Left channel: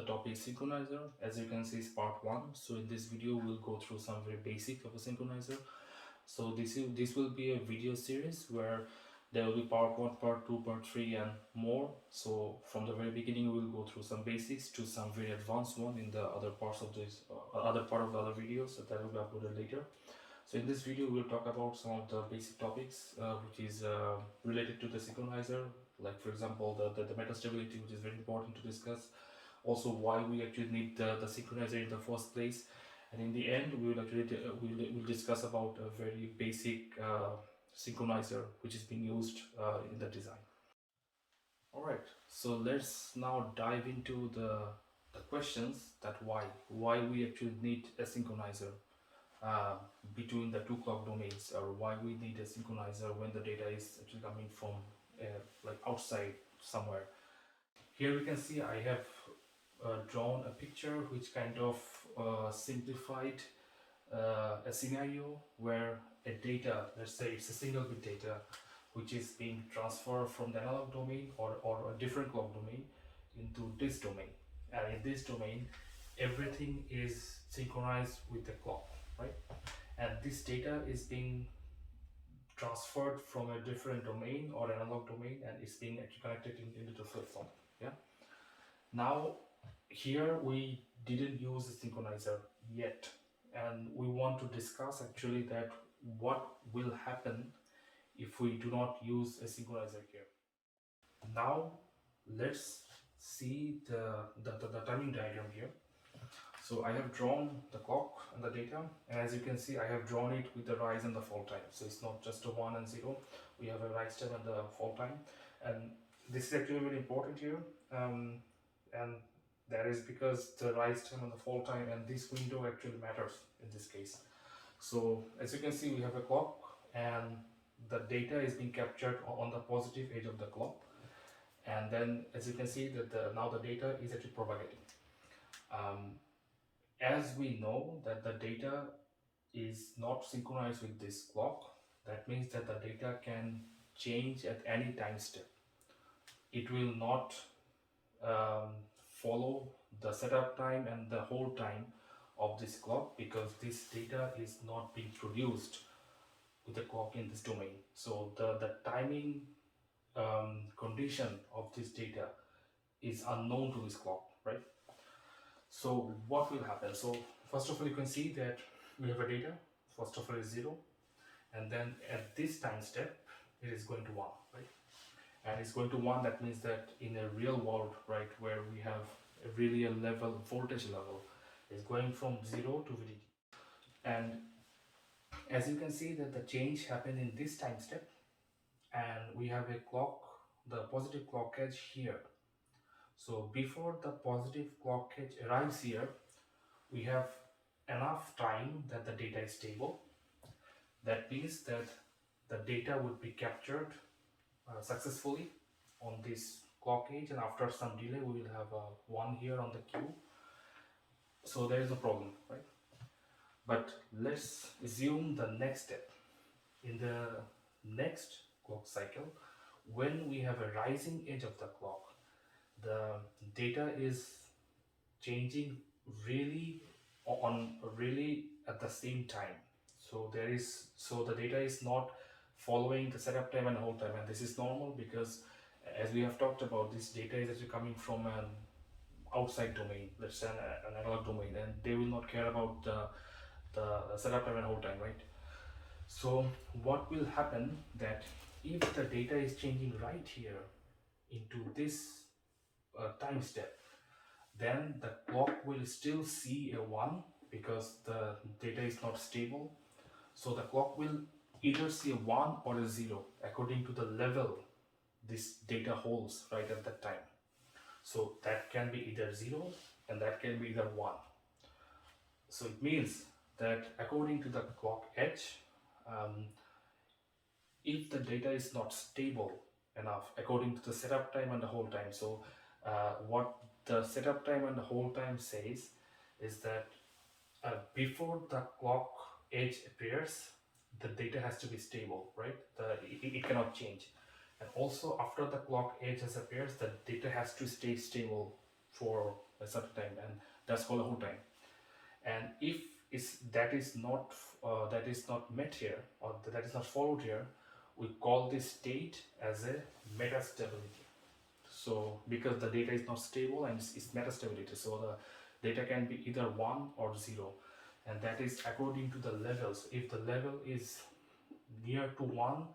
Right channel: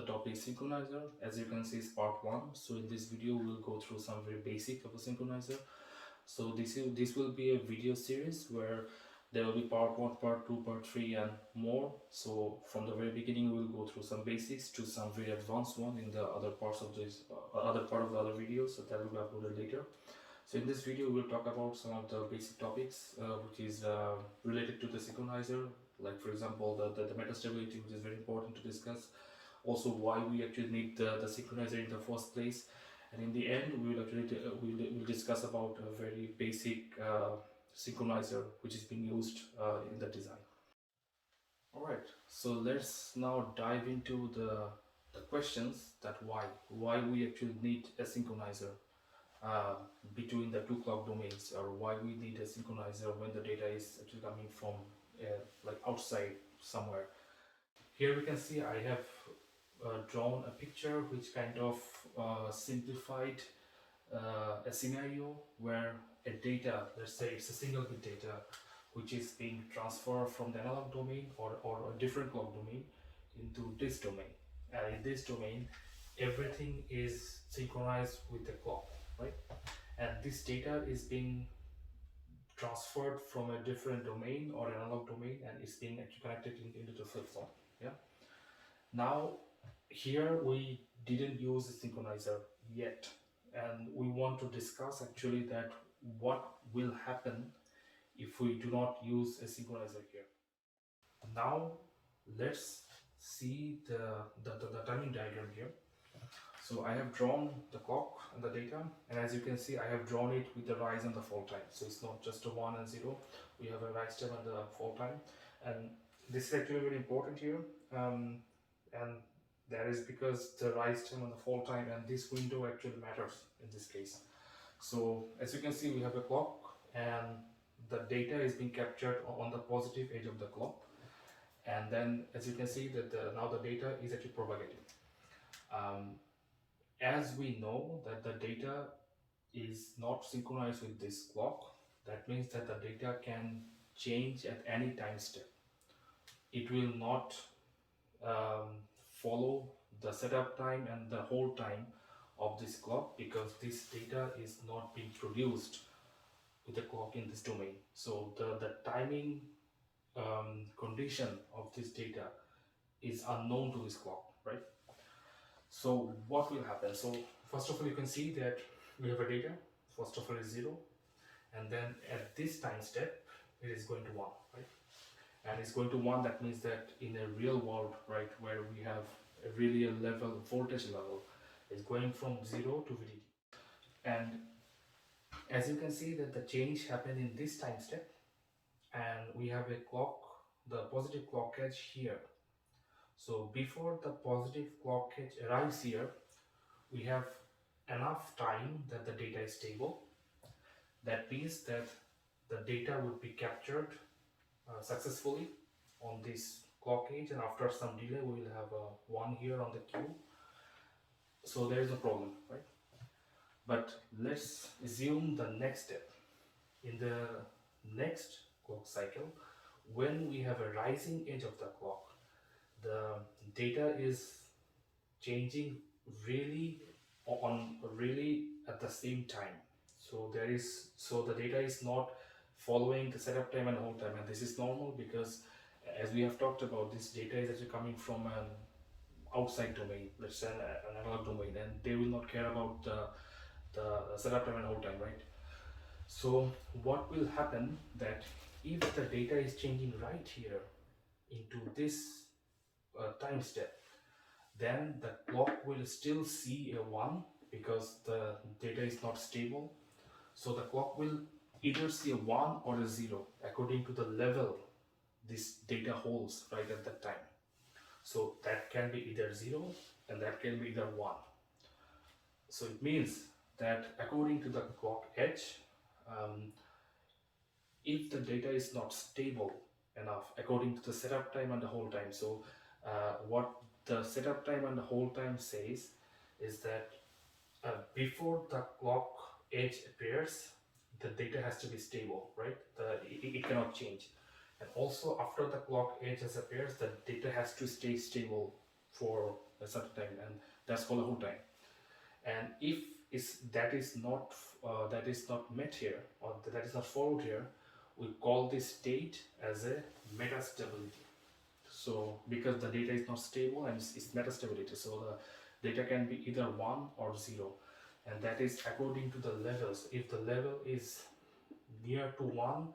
the topic synchronizer. As you can see, is part 1. So in this video we'll go through some very basic of a synchronizer. So this will be a video series where there will be part 1, part 2, part 3 and more. So from the very beginning we'll go through some basics to some very advanced one in the other parts of this other part of the other videos that will be uploaded later. So in this video we'll talk about some of the basic topics which is related to the synchronizer, like for example the metastability, which is very important to discuss. Also why we actually need the synchronizer in the first place, and in the end we will actually we'll discuss about a very basic synchronizer which is being used in the design. Alright, so let's now dive into the questions that why we actually need a synchronizer uh, between the two clock domains, or why we need a synchronizer when the data is actually coming from like outside somewhere. Here we can see I have drawn a picture which kind of simplified a scenario where a data, let's say it's a single bit data, which is being transferred from the analog domain or a different clock domain into this domain. And in this domain, everything is synchronized with the clock, right? And this data is being transferred from a different domain or analog domain, and it's being actually connected into the flip-flop. Yeah. Now, here we didn't use a synchronizer yet, and we want to discuss actually that what will happen if we do not use a synchronizer here. Now, let's see the timing diagram here. So I have drawn the clock and the data, and as you can see I have drawn it with the rise and the fall time. So it's not just a 1 and 0, we have a rise time and the fall time, and this is actually very important here, and that is because the rise time and the fall time and this window actually matters in this case. So as you can see we have a clock, and the data is being captured on the positive edge of the clock, and then as you can see that now the data is actually propagating. As we know that the data is not synchronized with this clock, that means that the data can change at any time step. It will not follow the setup time and the hold time of this clock, because this data is not being produced with the clock in this domain. So the timing condition of this data is unknown to this clock, right? So what will happen? So first of all, you can see that we have a data. First of all is 0, and then at this time step it is going to 1, right? And it's going to 1, that means that in a real world, right, where we have really a voltage level is going from 0 to VDD. And as you can see that the change happened in this time step, and we have a clock, the positive clock edge here. So before the positive clock edge arrives here, we have enough time that the data is stable. That means that the data would be captured successfully on this clock edge, and after some delay we will have a 1 here on the queue. So there is no problem, right? But let's assume the next step. In the next clock cycle, when we have a rising edge of the clock, the data is changing really at the same time. So the data is not following the setup time and hold time, and this is normal because as we have talked about, this data is actually coming from an outside domain, let's say an analog domain, and they will not care about the setup time and hold time, right? So what will happen that if the data is changing right here into this time step, then the clock will still see a 1 because the data is not stable. So the clock will either see a 1 or a 0 according to the level this data holds right at that time. So that can be either 0 and that can be either 1. So it means that according to the clock edge, if the data is not stable enough according to the setup time and the hold time, so what the setup time and the hold time says is that before the clock edge appears, the data has to be stable, right? It cannot change. And also after the clock edge appears, the data has to stay stable for a certain time, and that's for the whole time. And if that is not met here, or that is not followed here, we call this state as a metastability. So because the data is not stable and it's metastability, so the data can be either 1 or 0, and that is according to the levels. If the level is near to 1,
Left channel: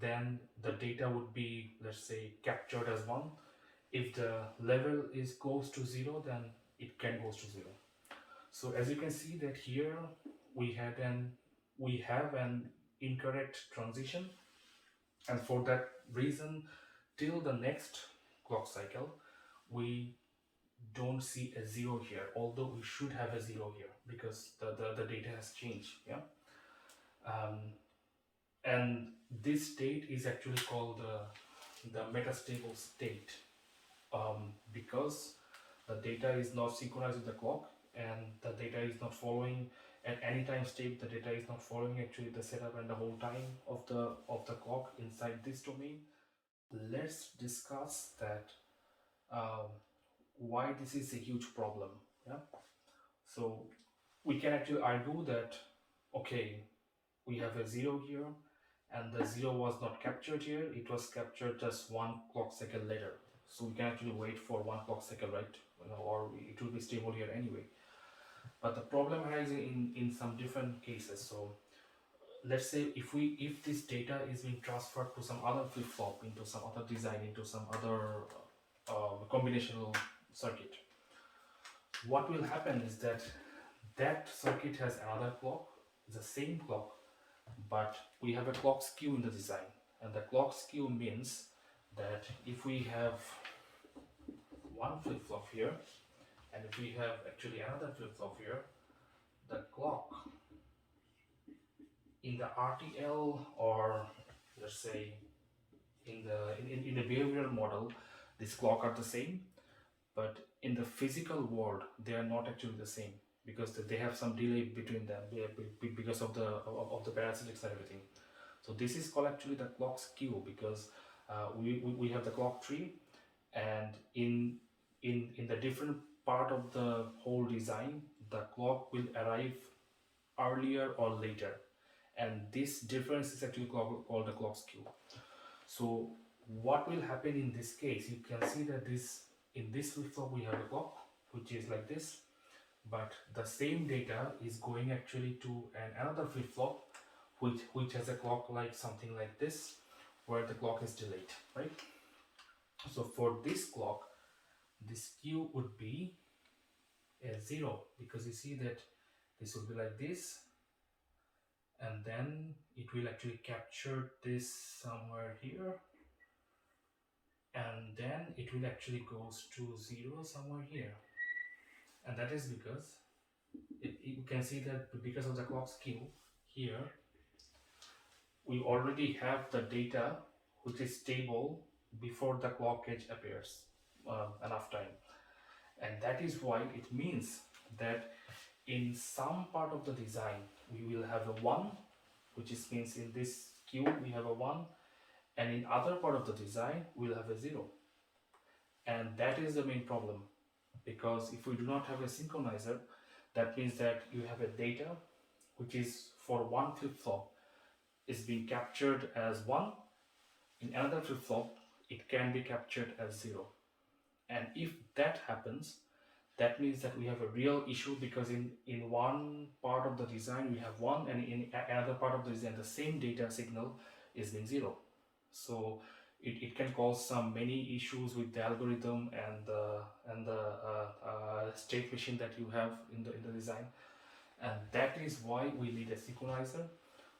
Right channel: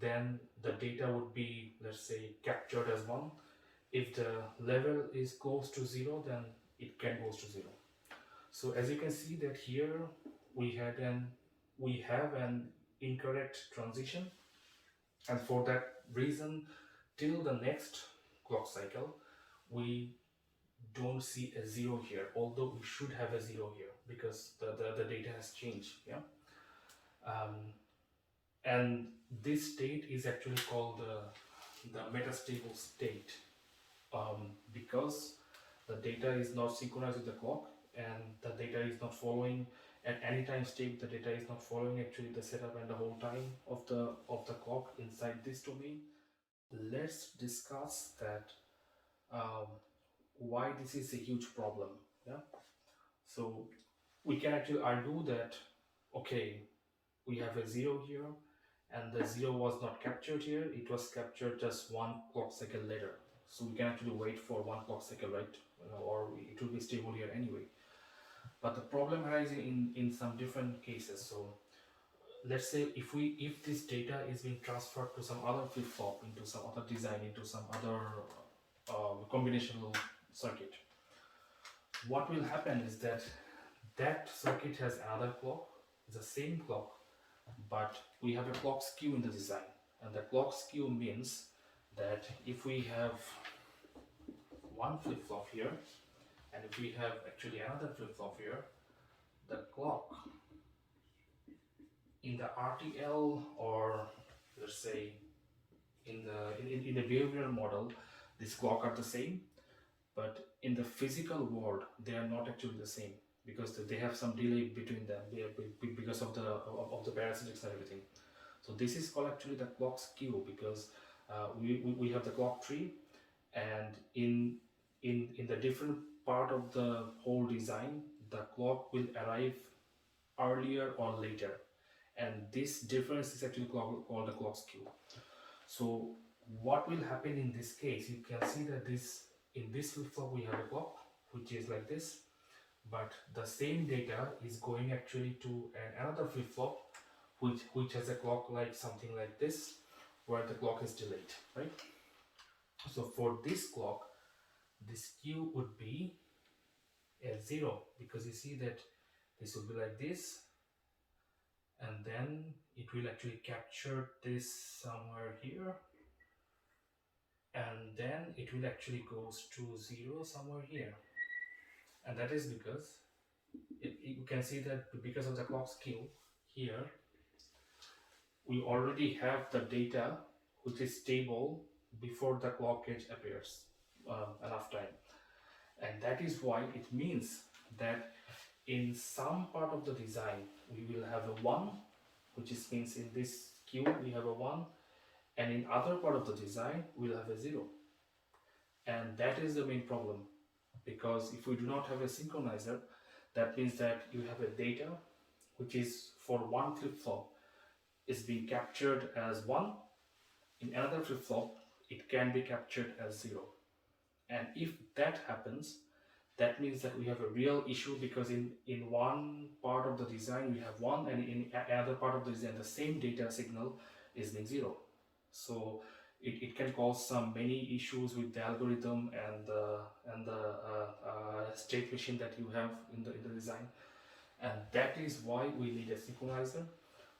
then the data would be, let's say, captured as 1. If the level is goes to 0, then it can goes to 0. So as you can see that here we have an incorrect transition, and for that reason, till the next clock cycle, we don't see a 0 here, although we should have a 0 here because the data has changed. Yeah. And this state is actually called the metastable state, because the data is not synchronized with the clock, and the data is not following at any time state. The data is not following actually the setup and the whole time of the clock inside this domain. Let's discuss that, why this is a huge problem. Yeah. So we can actually argue that, okay, we have a 0 here, and the 0 was not captured here, it was captured just 1 clock cycle later. So we can actually wait for 1 clock cycle, right? Or it will be stable here anyway. But the problem arises in some different cases. So let's say if this data is being transferred to some other flip-flop, into some other design, into some other combinational circuit, what will happen is that that circuit has another clock, the same clock, but we have a clock skew in the design. And the clock skew means that if we have one flip-flop here, and if we have actually another flip-flop here, the clock in the RTL, or let's say in the behavioral model, this clock are the same, but in the physical world they are not actually the same, because they have some delay between them, because of the parasitics and everything. So this is called actually the clock skew, because we have the clock tree, and in the different part of the whole design, the clock will arrive earlier or later, and this difference is actually called the clock skew. So what will happen in this case, you can see that in this flip-flop we have a clock which is like this, but the same data is going actually to another flip-flop which has a clock like something like this, where the clock is delayed, right? So for this clock, the skew would be a 0, because you see that this will be like this, and then it will actually capture this somewhere here, and then it will actually goes to 0 somewhere here. And that is because you can see that because of the clock skew here, we already have the data which is stable before the clock edge appears enough time. And that is why it means that in some part of the design we will have a 1, which is means in this queue we have a 1, and in other part of the design we'll have a 0. And that is the main problem, because if we do not have a synchronizer, that means that you have a data which is for one flip-flop is being captured as 1, in another flip-flop it can be captured as 0. And if that happens, that means that we have a real issue, because in one part of the design we have 1, and in another part of the design the same data signal is being 0. So it can cause many issues with the algorithm and the state machine that you have in the design. And that is why we need a synchronizer,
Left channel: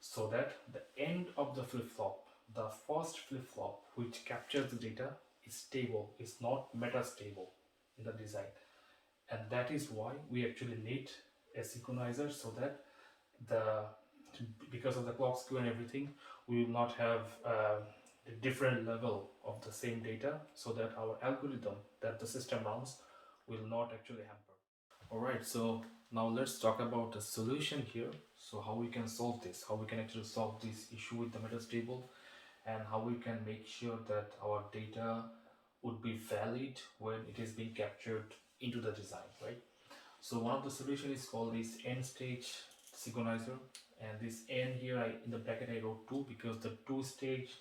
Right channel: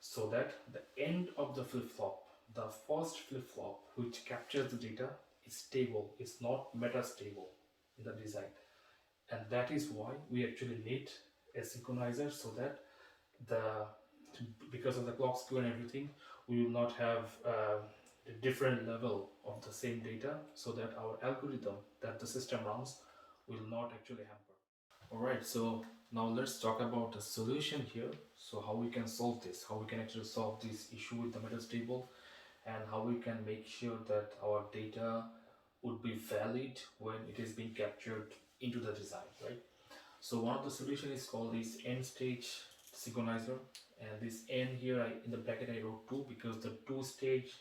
so that the end of the flip-flop, the first flip-flop which captures the data, is stable, is not metastable in the design. And that is why we actually need a synchronizer, so that because of the clock skew and everything, we will not have a different level of the same data, so that our algorithm that the system runs will not actually hamper. Alright, so now let's talk about the solution here. So how we can solve this, how we can actually solve this issue with the metastable, and how we can make sure that our data would be valid when it is being captured into the design, right? So one of the solution is called this N stage synchronizer, and this N here in the bracket I wrote 2 because the two stage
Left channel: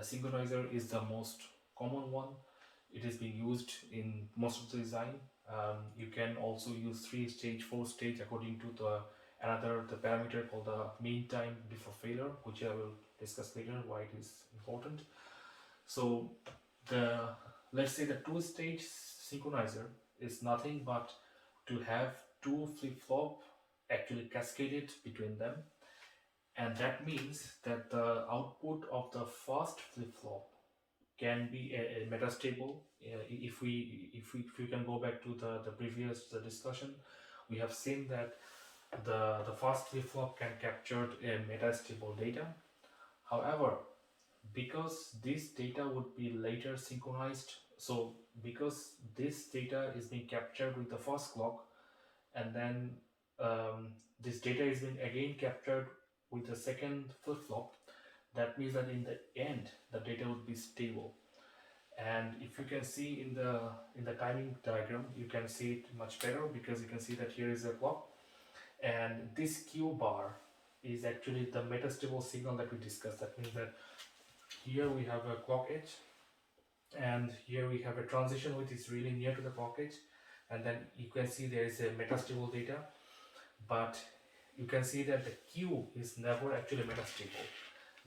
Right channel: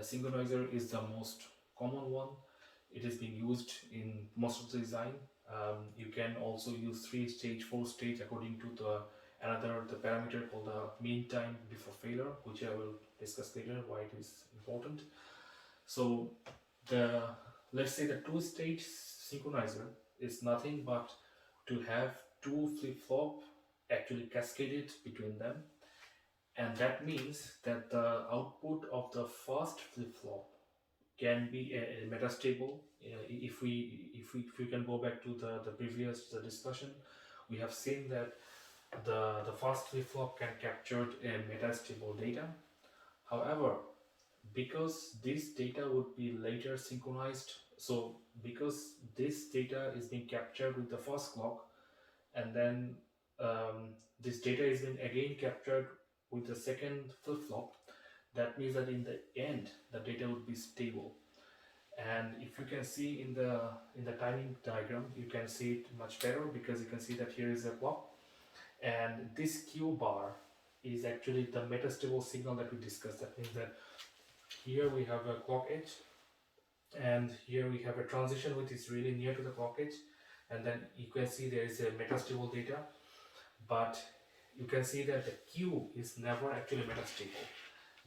synchronizer is the most common one. It is being used in most of the design. You can also use 3 stage, 4 stage according to the parameter called the mean time before failure, which I will discuss later why it is important. So the let's say the two stage synchronizer is nothing but to have two flip-flop actually cascaded between them, and that means that the output of the first flip-flop can be a metastable. If we can go back to the previous discussion, we have seen that the first flip-flop can capture a metastable data. However, because this data would be later synchronized, so because this data is being captured with the first clock, and then this data is being again captured with the second flip-flop, that means that in the end the data would be stable. And if you can see in the timing diagram, you can see it much better because you can see that here is a clock, and this Q bar is actually the metastable signal that we discussed. That means that here we have a clock edge, and here we have a transition which is really near to the clock edge, and then you can see there is a metastable data, but you can see that the Q is never actually metastable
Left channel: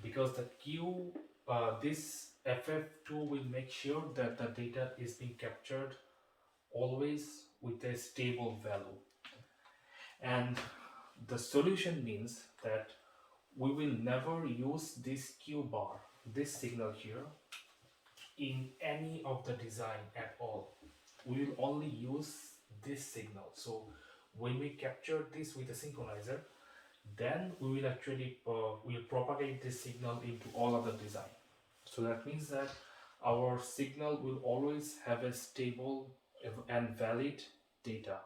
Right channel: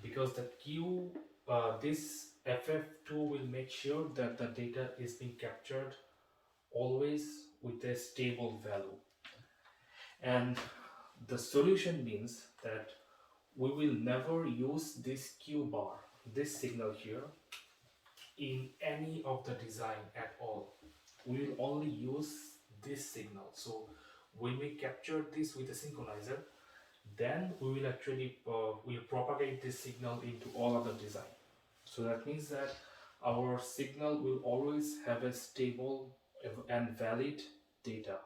because the Q, this FF2 will make sure that the data is being captured always with a stable value. And the solution means that we will never use this Q bar, this signal here, in any of the design at all. We will only use this signal. So when we capture this with a synchronizer, then we will actually will propagate this signal into all other design. So that means that our signal will always have a stable and valid data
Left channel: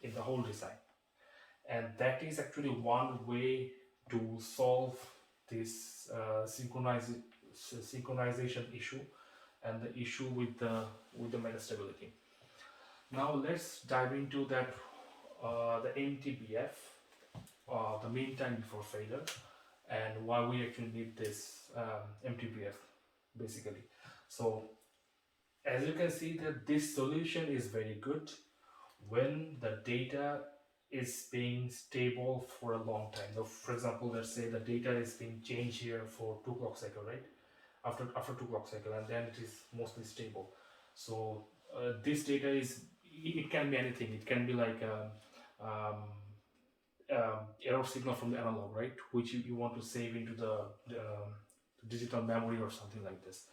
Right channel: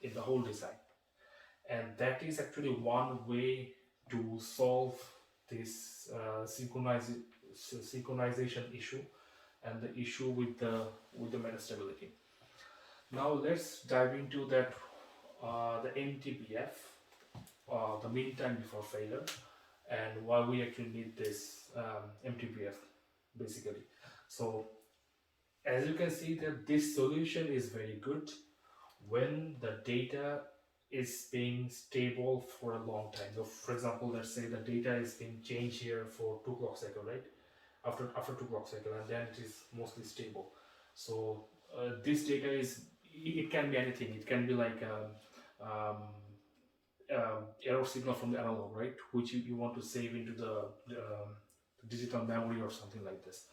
in the whole design. And that is actually one way to solve this synchronization issue and the issue with the metastability. Now let's dive into that the MTBF, the mean time before failure, and why we actually need this MTBF basically. So as you can see that this solution is very good when the data is being stable for a long time. So for example, let's say the data is being changed here for 2 clock cycle, right? After 2 clock cycle, and then it is mostly stable. So this data is, it can be anything. It can be like error signal from the analog, right, which you want to save into the digital memory or something like this.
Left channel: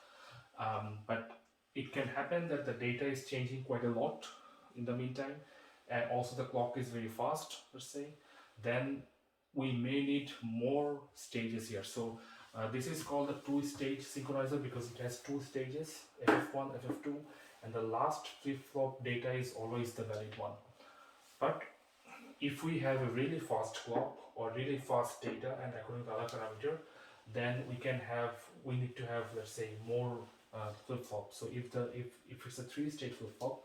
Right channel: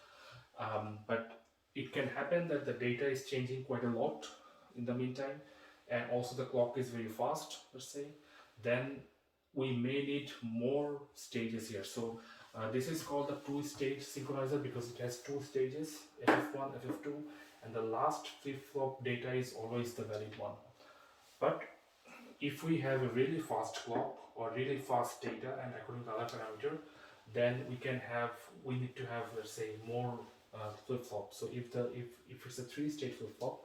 But it can happen that the data is changing quite a lot in the meantime, and also the clock is very fast, let's say. Then we may need more stages here. So this is called the two-stage synchronizer because it has 2 stages, FF1, FF2, and the last flip-flop data is always the valid one. But if we have a really fast clock or really fast data, and according to other parameter, then we need to have, let's say, more flip-flop. So if it's a 3-stage flip-flop,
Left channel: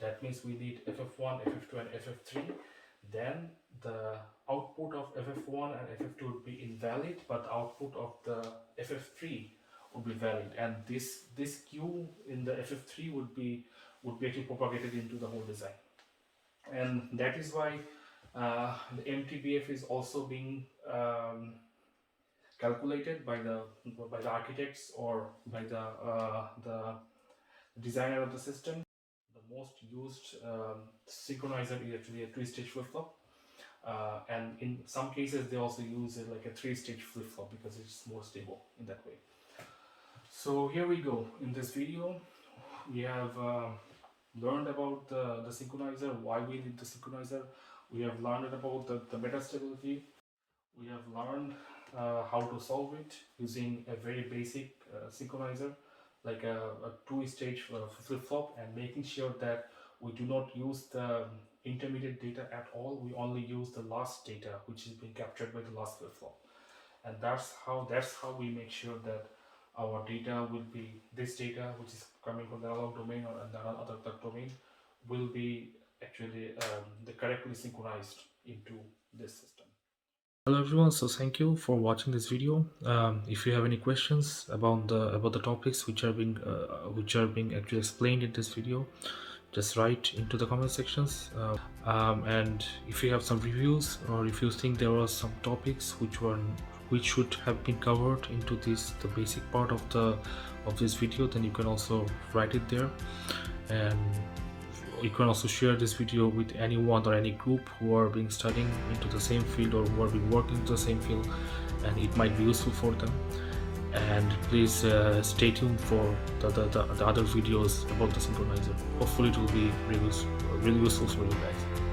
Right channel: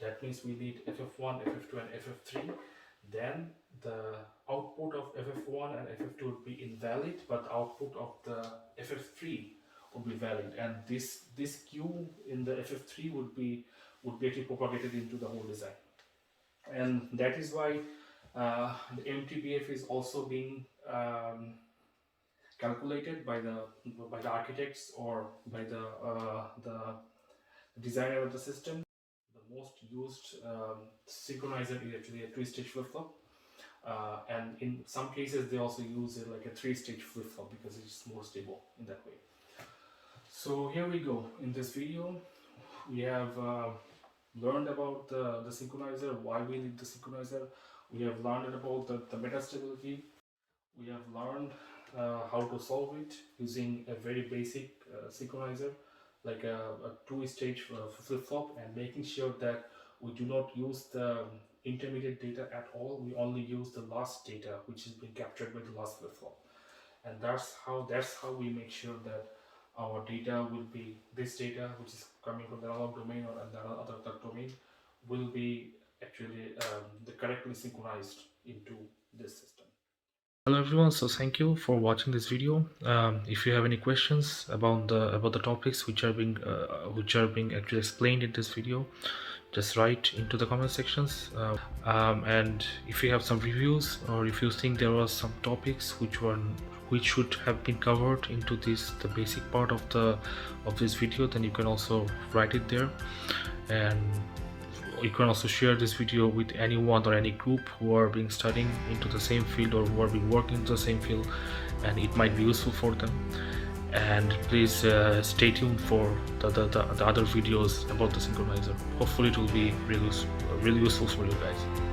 that means we need FF1, FF2, and FF3. Then the output of FF1 and FF2 would be invalid, but the output of the FF3 would be valid, and this Q in the FF3 would be actually propagated into the whole design. And that is why the MTBF is also being calculated by the architects or by the designer of the system. The most used synchronizer is actually a 3-stage flip-flop, and in some cases they also use it like a 3-stage flip-flop because it's more stable in that way. So here we go. In this video we have learned about the synchronizer, why we need the synchronizer. We have learned about the metastability. We have learned how to solve it using a very basic synchronizer, like a 2-stage flip-flop, and making sure that we do not use the intermediate data at all. We only use the last data which is being captured by the last flip-flop, and that's how we make sure that our data will be, this data which is coming from the analog domain or the other domain, will be actually correctly synchronized into this system. Hello everyone, so thank you for watching this video. If you have any questions about the topics which are being actually explained in this video, just write into the comment sections. And if you have some reviews, or if you think there are some topics which should have been covered into the basic part of this video, then you can also write it there. And you can also share this video with anyone or any group who are being studying into the same field, or who are being working into the same field, and it might be useful for them. And please stay tuned for the other videos about the synchronizer. Hopefully it will be really useful for you guys.